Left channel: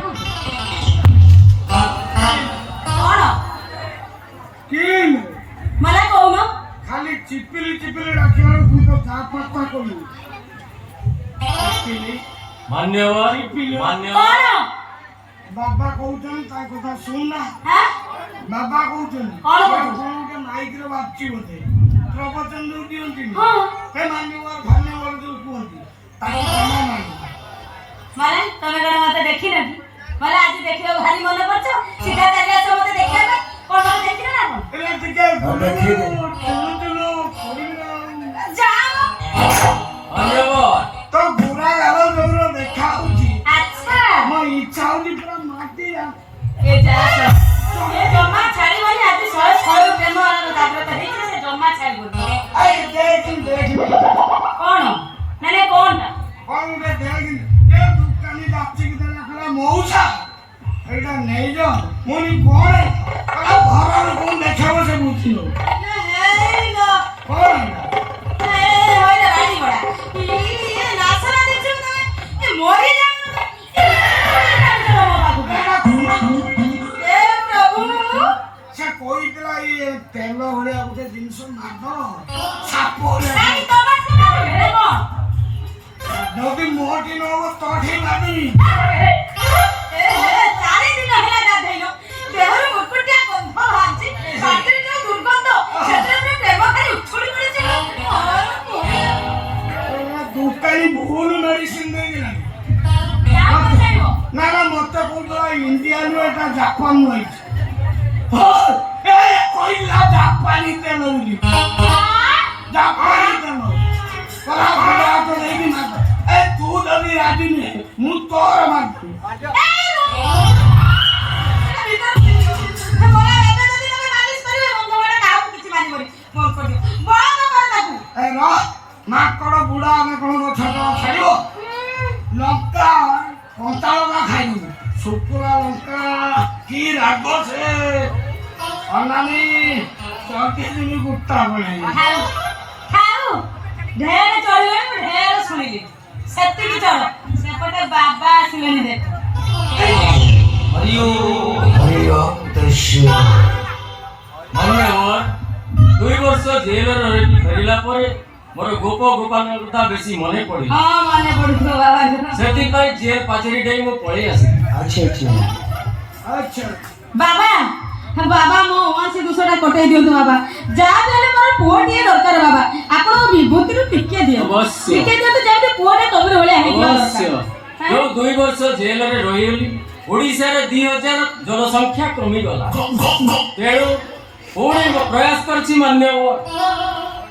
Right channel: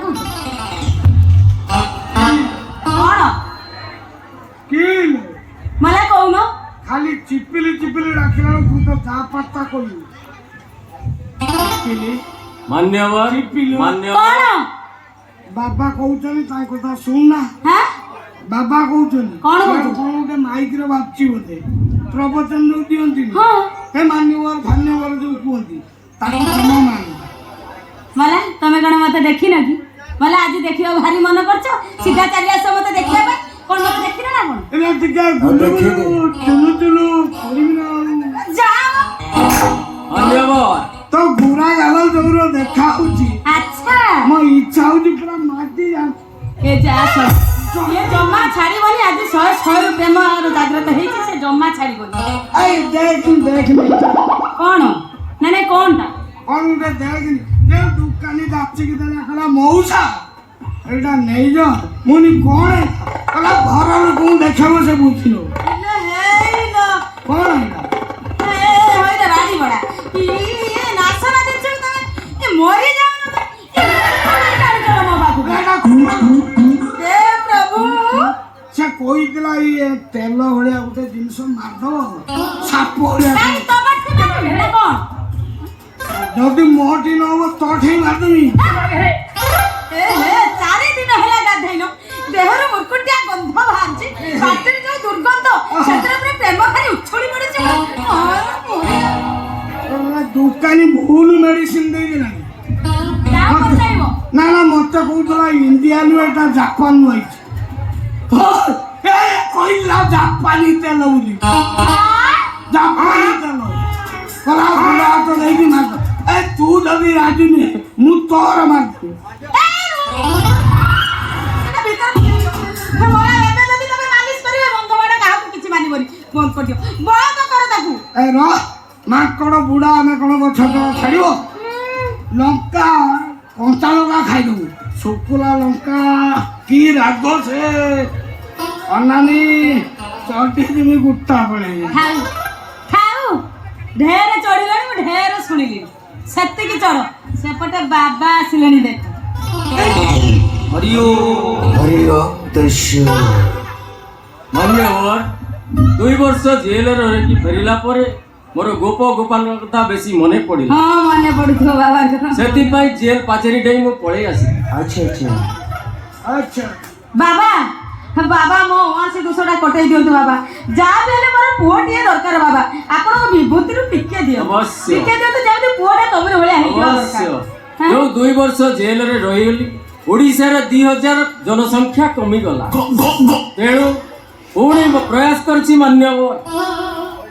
कौन किन मला कौन खाली चिपिली चिपिली रखिला तू तो जा पत्ता कोई चिपिली मान्यवर चिपिली मान्यवर कौन बाबा कहउछन ता कथा सुन ना हां बाबा कहउछन कौन कहउछन? कोनटे माइक रे बाची होते प्रवचन दउ दियंती हां हे मान्यवर धन्यवाद जो कुहंती ताको क्षमा मान माने तमे कोन मते देखि न कि मला आज देखिबा भारी मन करछ सीधा चली आस मते देखिबा कोन मते देखि ना कोन एले टिके चलु चलु करिना जाओ मान्यवर तो बुरा गालो जोरो देखा होची अच्छा मो इच्छा होची पूरा माटी ए जा ये जम्मा छाड़ीबनी आज 100 प्रेम जागृत हेछि से जम्मा छाड़ीबनी आई देख कोन नाने कोनटा कौन दे देख दे दुकानी जाची कि तने कला मौसा एटा नै जो मुनी कोन कला घर लोक देखबो से बुझिलो ले हे लो कोन ए होय रे राडी बडा ई नासरा दिछु त ए मोरी जाऊ ए प्रभु से कोई दिला ये तेल भलिया उते जिंस मादो साप भलिया काई तबा ठुका भेड़े कोन जदी मोटी न हो तठी लादी ए हे 4 दिन होला गाधैनो देहर मुरकुटिया गंध बाहरछि बाटरी जो दुर्गंध क्षेत्र में प्रेम खाली उछोड़ी पड़े दुकानी भूल मेडिसिन दे दिला क्या बताइबो ना ना मते कहतला इंडिया नु एटा जापान नु आइछ ए कोइला जापानी तेल उली जापानी तेल करा करा तो नहीं भी ना ए तू जदी राजी ने मु तोर मार ए रो माकड़ बुढ़ा में कोन तो छोट छाड़िबो लंका कंचा लंका खाइदु सुकुला लंका की राग से अनानी चलती दिनी गुट्टा पड़े ढेर चढ़िले ढेर शुणिली सेति की चढ़ सेपटे बाबा आसिलेनी देख हरिओ हरिओ दृश्य मान्यवर 2 वर्ष जेल रे फेरिला परे मोर गोप गोपाल कथा बेसी मने पड़ी हां माने पड़थो बाबा सेति पई जेल पाचेरी डेई मो पळे आसी अच्छा अच्छा अच्छा बाबा बाबा मो वहां से दूसरा कटै दियो तो बाबा जा बेले मोर पोटिए दरकार बाबा आपण विभूति रु टिके दियो अवश्य। टिके दियो तो जाते पोटे तमरे होले हे अवश्य जो 2 वर्ष जेल रे रहिली ओडिसा रे 2000 जनसंख्या कमी गला तेणु पुणे प्रयास करछि मान्यवर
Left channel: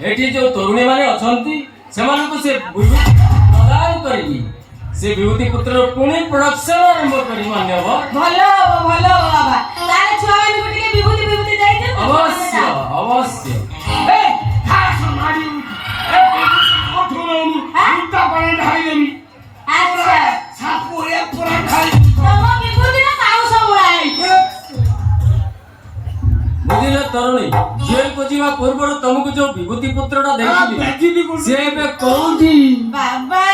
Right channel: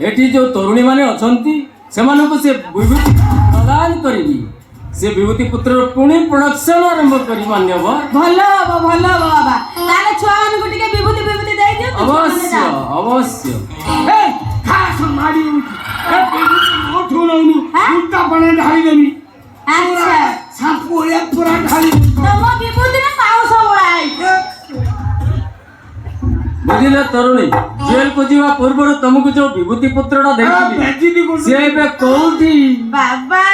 एठी जो तरुणी माने अछंती सेमानको से विभूति प्रदान करिबी से विभूति पुत्र पुणे प्रोडक्शन आरंभ करी मान्यवर भलो बाबा तारे छुआ माने गुटिके विभूति विभूति दे दियो अवश्य अवश्य ए खास मारी ए मोठो नउनु गुट्टा बने ढाई देनी अच्छा सापो ए पूरा ढाई तम विभूति ना पाउस होलाई बुझिले तरुणी जेल को जीवा पूर्व तुमको जो विभूति पुत्रटा देखिली बेजिदी कोन से बे कोठी बाबा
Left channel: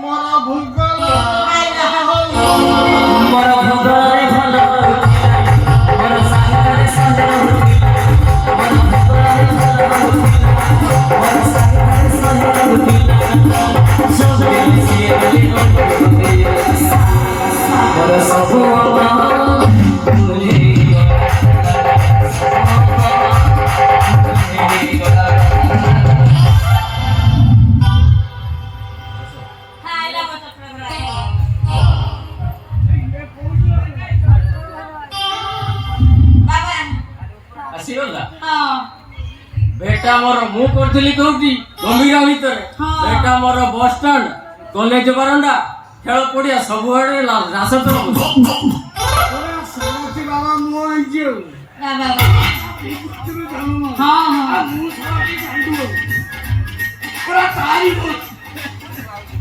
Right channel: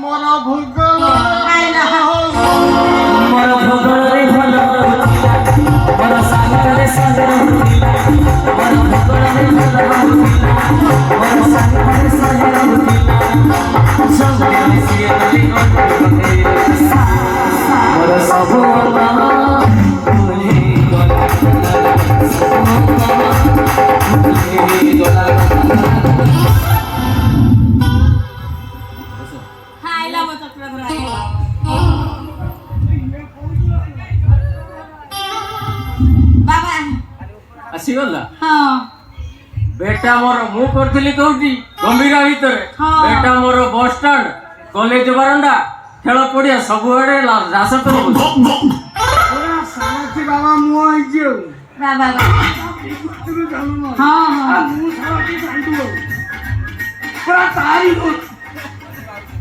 मोरा भूख आइला मरा धोधारे भला मरा सागरे संजन मरा धोधारे मरा सागरे संजन सबे से मरा सब मामा मुझे आइला मत बाबा आसीगला हां बेटा मोर मु करथिली कोठी गंभीरा भीतर हाँ। बेटा मोर बस स्टैंड कॉलेज बरंडा खेल पड़िया सब आड़े रास तो पूरा साथी बाबा मु आइजियो बाबा पुत्र जानो हां हां मु साथी जाइदो पूरा तारी को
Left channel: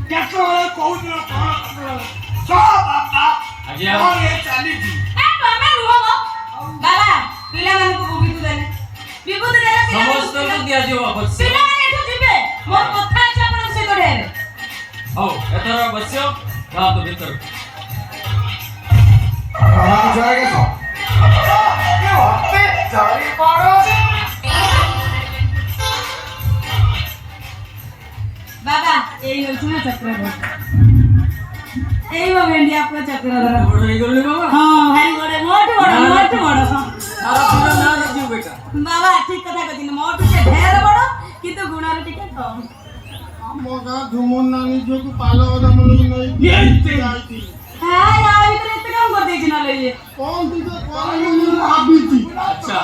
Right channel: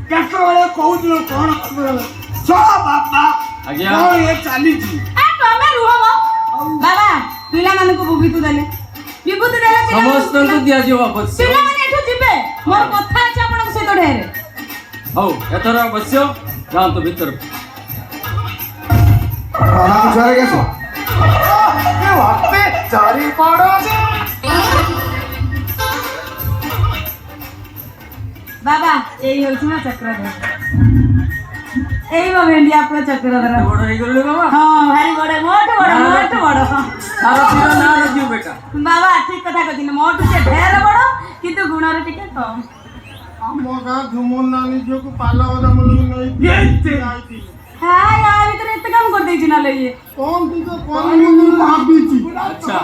केतो ए कहउदियो कोन सो बाबा आज्ञा। कोन ये चाली जी आ तमे रुहो बाबा पिला माने को विभूति देले विभूति देले समस्त को दिया जो वापस पिला माने एठु जिबे मोर कथा अछि आपण से तो ढेर ହଉ ଏଥର ବସ୍ୟ ଯାଆନ୍ତୁ ଭିତରକୁ। ଜୟ ଗେଛ ବାବା ଏଇ ହଉଛି ମୋ ଚକ୍ରଧର। ଏଇ ମୋ ଭେଣ୍ଡି ଆପଣ ଚକ୍ରଧର। ବଡ଼ ହେଇଗଲଣି ବାବା। ହଁ ଭାରି ବଡ ମୋଠୁ ବଡ ମୋଠୁ ବଡ। ତାର ତୀର ନାଁ ରଖିବୁ ବେଟା। ବାବା ଠିକ କଥା କହିଛନ୍ତି ମୋଠୁ ସେ ଢେର ବଡ କିନ୍ତୁ ଗୁଣରେ ଟିକେ କମ। ଆମ ଗାଁ ଝୁମୁର ନାନୀ ଝିଅକୁ ପାଲ ବଦାମଣି ନେଇକି ଯାଇଥିଲି। ହଁ ୟା ଭିତରେ ଏତେ କାମ କରିଦେଇଛି ନହେଲେ ଇଏ। କଣ ଟିକେ କରିବି ବୋଲି ଭାବିଛି। ଆଚ୍ଛା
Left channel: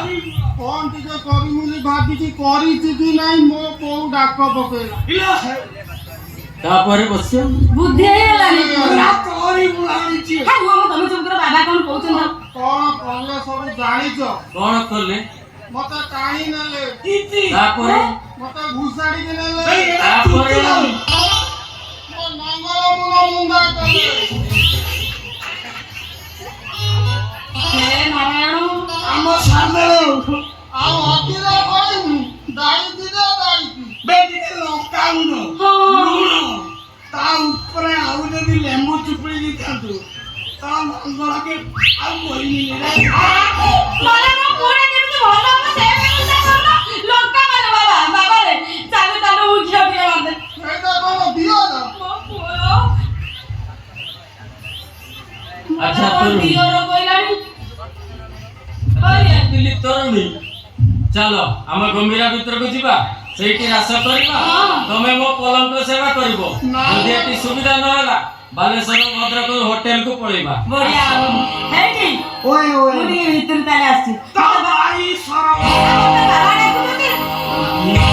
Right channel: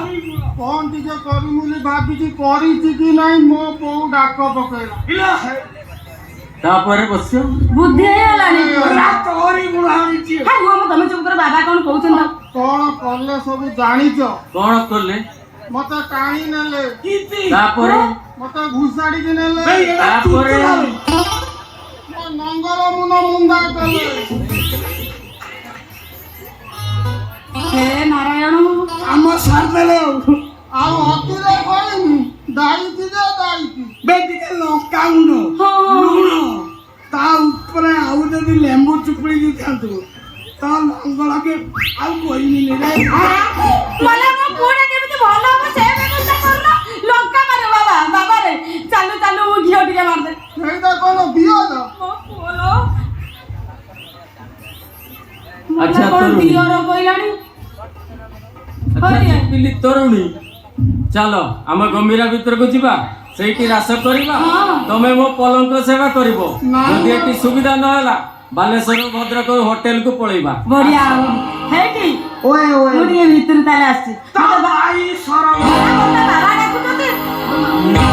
କଣ ଟିକେ କରିବି ବୋଲି ଭାବିଛି, କରିଛି କି ନାଇଁ ମୋ ବୋଉ ଡାକ ପକେଇଲା। ତାପରେ ବସ୍ୟ ବୁଦ୍ଧି ହେଇଗଲାଣି। ତୋରି ମୁଁ ଆଣିଛି। ହେ ମୁଁ ତମେ ଚୁପ କର ବାବା କଣ କହୁଛନ୍ତି? କଣ କଲେ ସବୁ ଜାଣିଛ? କଣ କଲେ? ମତେ ଟାଣି ନେଲେ, ତାପରେ ମତେ ଘୁଷାଡ଼ିକି ନେଲେ, ତାପରେ ମୋ ନଙ୍ଗଳ ମୁଣ୍ଡା କଲେ। ହେ ନାରାୟଣ ଆମ ସାମ୍ନାରେ ଆଉ ଅତିରେ କରିନି ଦାଇଥିରେ ଦାଇଛି ବେଟିକେ ଲଙ୍କାଗୁଣ୍ଡ ଲୁଣ ତା ଉପରେ ଆଉ ଯଦି ଲେମ୍ବୁ ଚିପୁଡ଼ି ଦେଇଥାନ୍ତୁ ତା ଲଙ୍ଗଳକେ ଆଉ କହିନି ରେ। ମାନେ ମୋ ପୁଅଟା କେମିତି ଭଲ ହବ ସେ ବ୍ୟବସ୍ଥା କରୁନ। ଲଙ୍କା ମାର ବାବା ବାବା ରେ ଚାଲୁ ଚାଲୁ ମୁଁ ଘିଅ ଟିକେ ମାରିଦେ। ସେଇଟା କଣ ଦିଅର? ମୋ ପୁଅ ଆଚ୍ଛା, କଣ ତରୁଣୀ। ଦିଅର କହିଲାଣି? ପିଲି ତରୁଣୀ ଚାଲ ଆମ ଗମ୍ଭୀରା ଭିତରକୁ ଯିବା, ସେଇଠି ରାସ କରିବା। ତମେ ମୋ ପଲଙ୍କ ସେବା କରିବ। ଯଦି ଏଠି ସୁବିଧା ନହେଲା ବାଲେଶ୍ୱର ଭଦ୍ରକ ହୋଟେଲକୁ ପଳେଇବା। ବଢିଆ ହବ ହେଇଟି। ଓଏ ମୁଁ ଟିକେ ଭିତରୁ ତାହେଲେ ଆସିଛି। ତା ଭାଇ ସରଳ ବାବା ଡାକୁଛନ୍ତି।